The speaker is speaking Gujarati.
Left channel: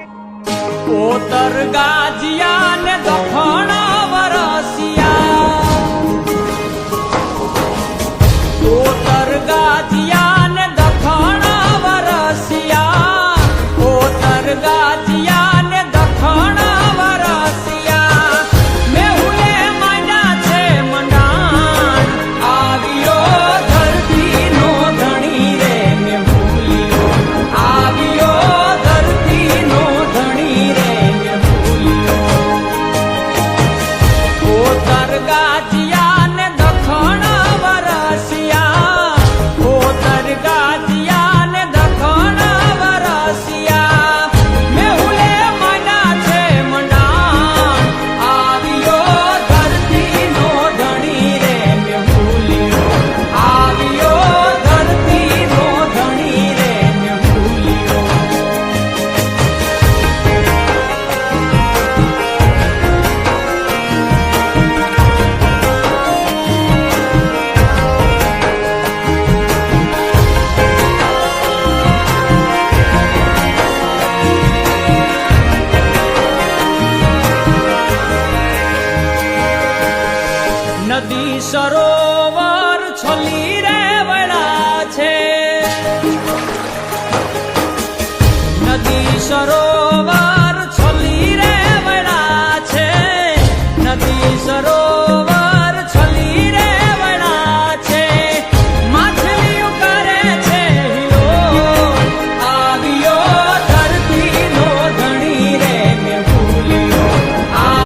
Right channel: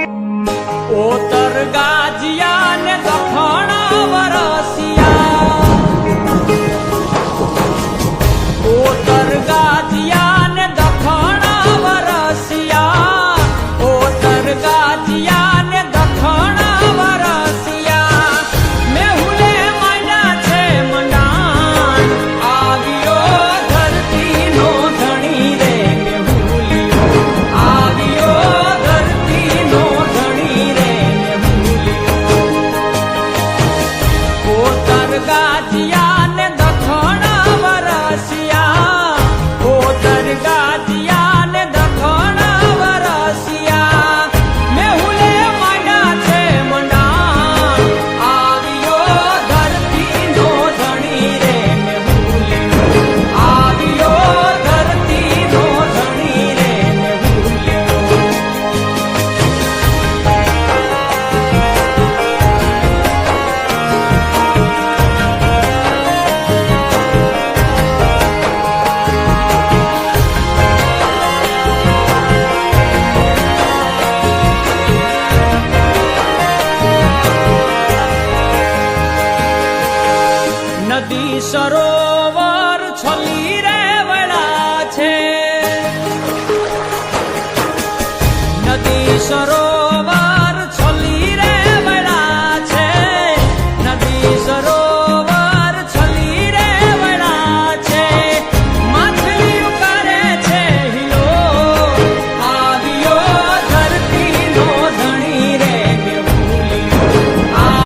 ઓતર ગાજિયા ને દખણ વરસિયા, ઓતર ગાજિયા ને દખણ વરસિયા, ઓતર ગાજિયા ને દખણ વરસિયા. મેહુલે માંડ્યા છે મંડાણ, આવ્યો ધરતી નો ધણી રે મેહુલિયો, આવ્યો ધરતી નો ધણી રે મેહુલિયો. ઓતર ગાજિયા ને દખણ વરસિયા, ઓતર ગાજિયા ને દખણ વરસિયા. મેહુલે માંડ્યા છે મંડાણ, આવ્યો ધરતી નો ધણી રે મેહુલિયો, આવ્યો ધરતી નો ધણી રે મેહુલિયો. નદી સરોવર છલી રે વળા છે, નદી સરોવર